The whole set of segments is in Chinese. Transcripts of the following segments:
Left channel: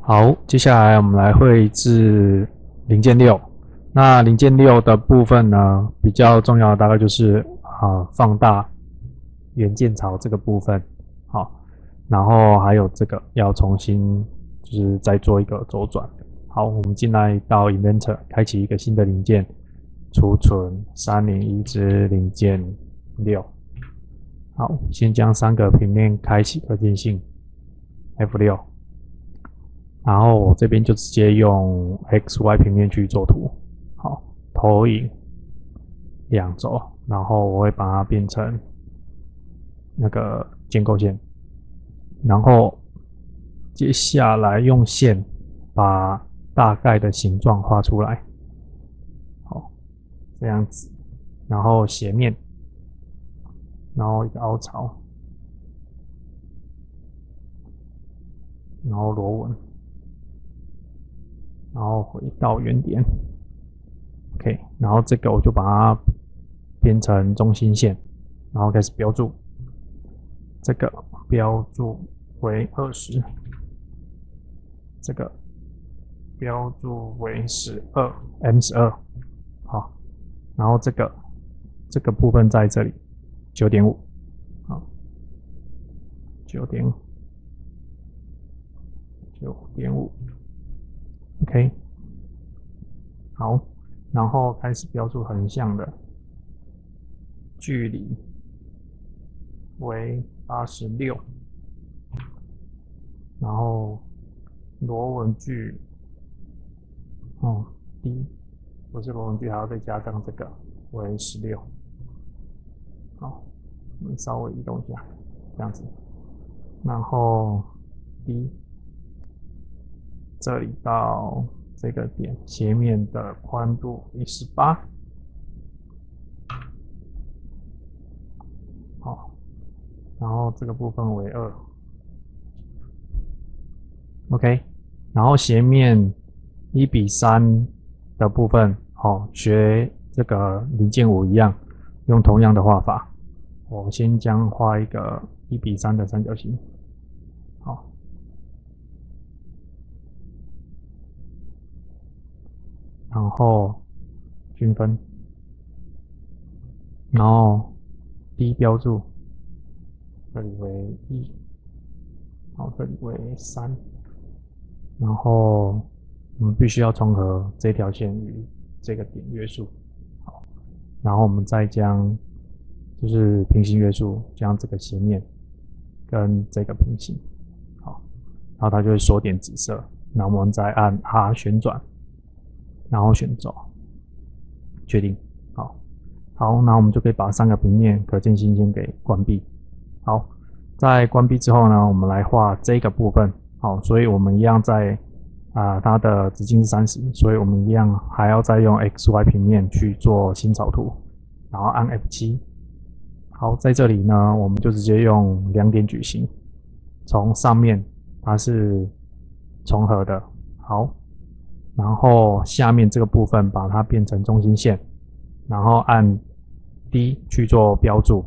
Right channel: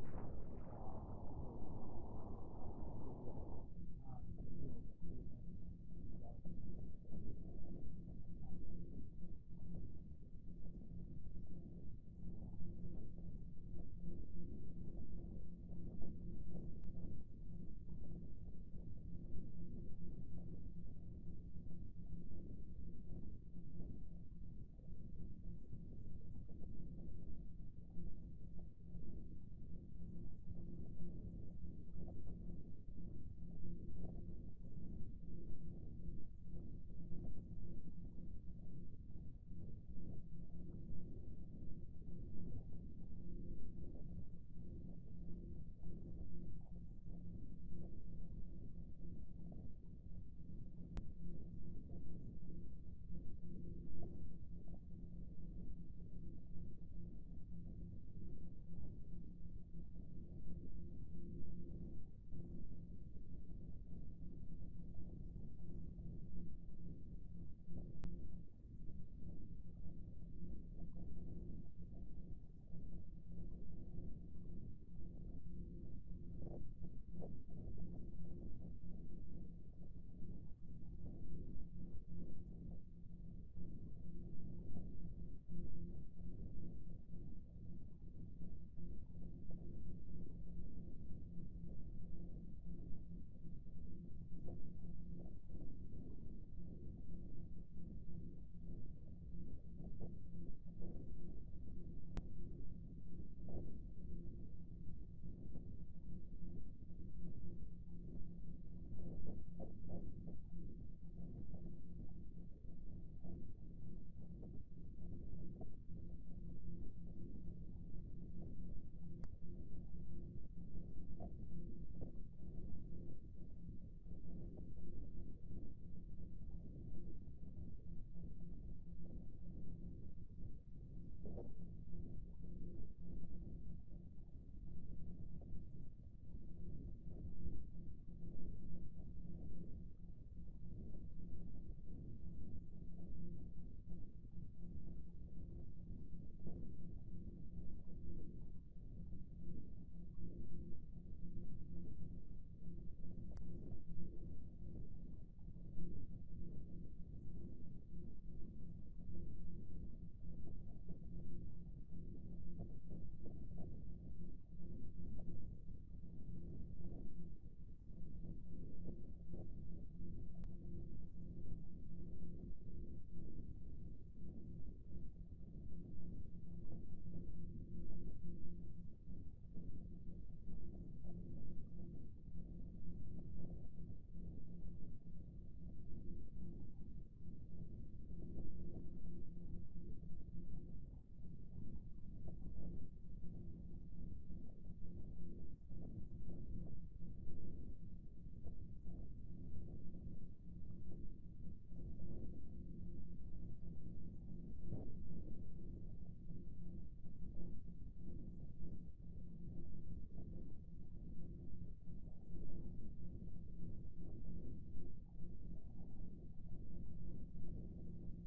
好，接下来我们来绘制零件6。那零件6的部分呢，比较重要的大概就是放大元件槽这个部分，好，然后还有这个要重新就是再做一个周转。好，我们进来到 Inventor， 开启一个新的零件，储存301支零件6。好，先将3个平面开启可见性 F6。然后我这边就直接用 XY 平面去做图，好，投影2轴，然后我会把它变成那个建构线，然后接下来用线把大概的形状画出来，好，这样子，然后斜面，然后一个凹槽，然后螺纹。然后回到原点 ，OK， 然后这个我就把它变成中心线，然后开始标注，这个标注为20，这个标注为M12，好，然后这个部分在这里9.5，好，9.5。OK， 好，然后开始标注横向的距离为86，然后螺纹距低，不是螺纹距还要再加上这个为16，好，我们稍微移动一下，这样子，然后低。这里到这个点，斜面的宽度为18，好，然后这个部分为2 ，OK， 然后斜面1:3的部分，好，学这个零件5一样，用同样的画法，我先将画一个1:3的三角形，好。然后均分，然后低标注，这里为1，好，这里为3，然后我们必须要重合这条线与这个点约束，好，然后我们再将就是平行约束，将这个斜面跟这个平行，好，然后它就会锁点紫色，然后我们再按 R 旋转。然后选轴，确定，好，好，那我们就可以把3个平面可见性先给关闭。好，在关闭之后呢，我们来画这个部分。好，所以我们一样在它的直径是30，所以我们一样还要再用 XY 平面去做新草图，然后按 F7。好，在这里呢，我们就直接用2点矩形，从上面它是重合的，好。然后下面这个部分把它变成中心线，然后按 D 去做标注，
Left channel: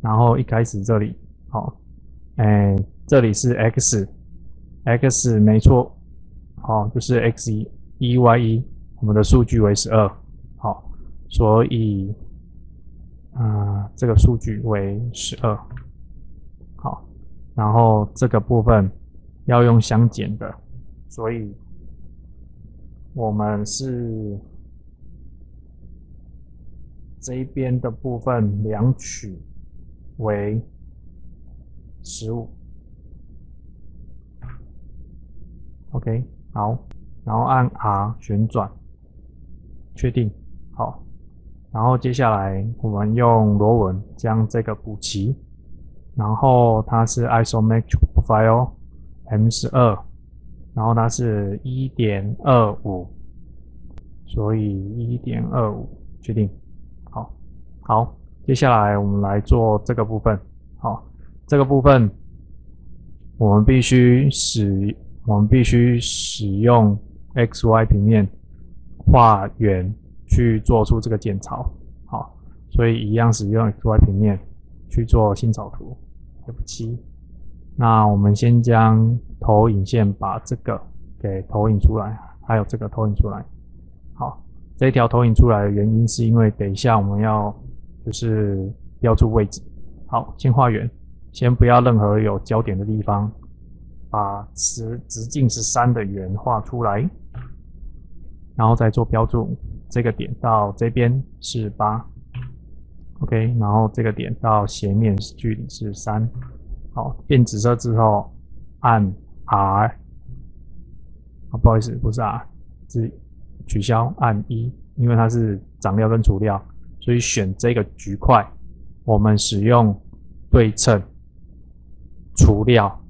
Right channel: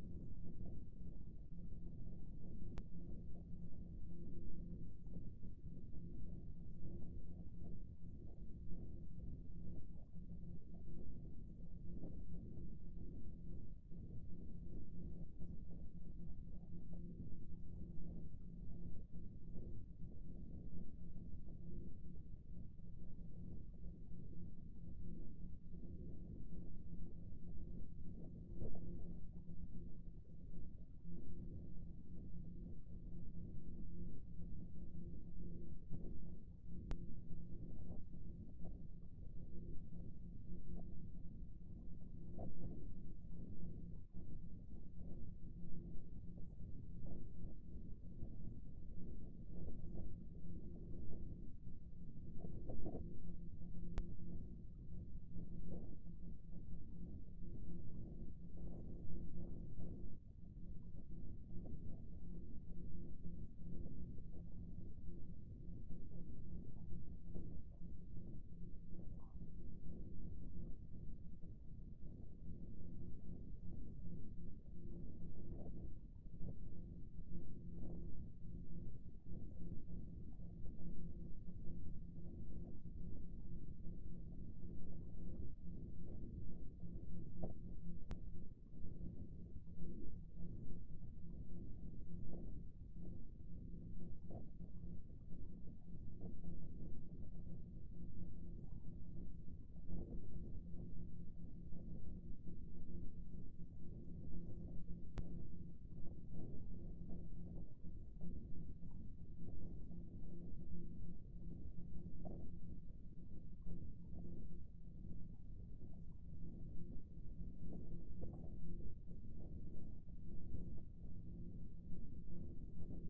然后一开始这里，好，这里是 X 没错，好，就是 X1、Y1，我们的数据为12，好，所以这个数据为12，好，然后这个部分要用相减的，所以我们是这一边的部分量取为15 ，OK， 好，然后按 R 旋转，确定，好，然后接下来我们用螺纹将这个补齐，然后它是 Isometric Profile M12。然后它是 1.25， 所以 1.25 确定，好，好，接下来我们来做这个部分，好，这个部分我们必须使用 XY 平面画圆去做出这个剑槽，好，所以一样使用 XY 平面去做新草图 F7。那我们先将投影线把这个给投影出来，还有这个投影出来。好，这一条投影出来的原因是因为等一下我们要就是标注位置。好，先画圆，先不要任何有焦点的地方，把直径13的圆画出来，然后再做标注。这个点到这边是8 ，OK， 然后这个点到斜面距离是3。好，变紫色之后按 R， 不好意思，不是 R， 是取消按1，因为它是长料跟除料，所以选这个局块，我们使用对称除料，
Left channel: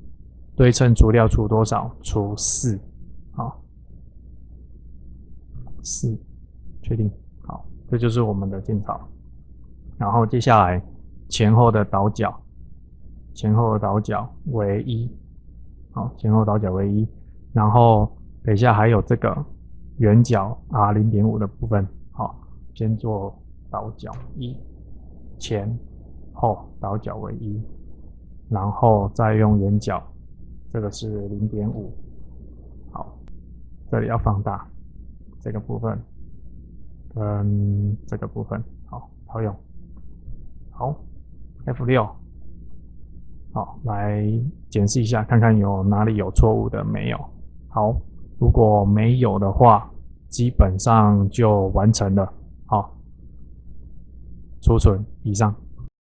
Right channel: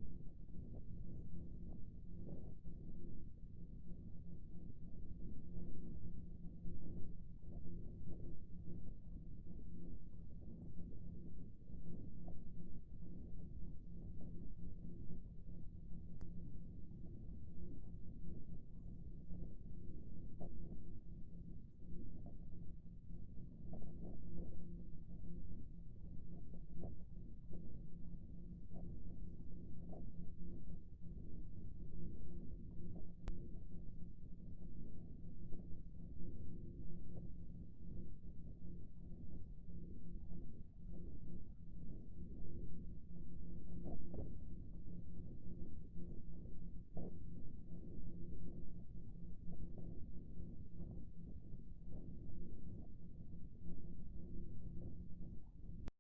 对称除料除多少？除4，好，4，确定，好，这就是我们的镜草。然后接下来前后的倒角，前后的倒角为1，好，前后倒角为1，然后等一下还有这个圆角 R0.5 的部分，好，先做倒角1，前后倒角为1，然后再用圆角，这个是0.5，好，这里要放大这个部分跟这个部分，好，套用，好 ，F6，好，来检视一下，看看有哪里有错误的没有。好，如果没有的话，基本上就完成了。好，储存以上。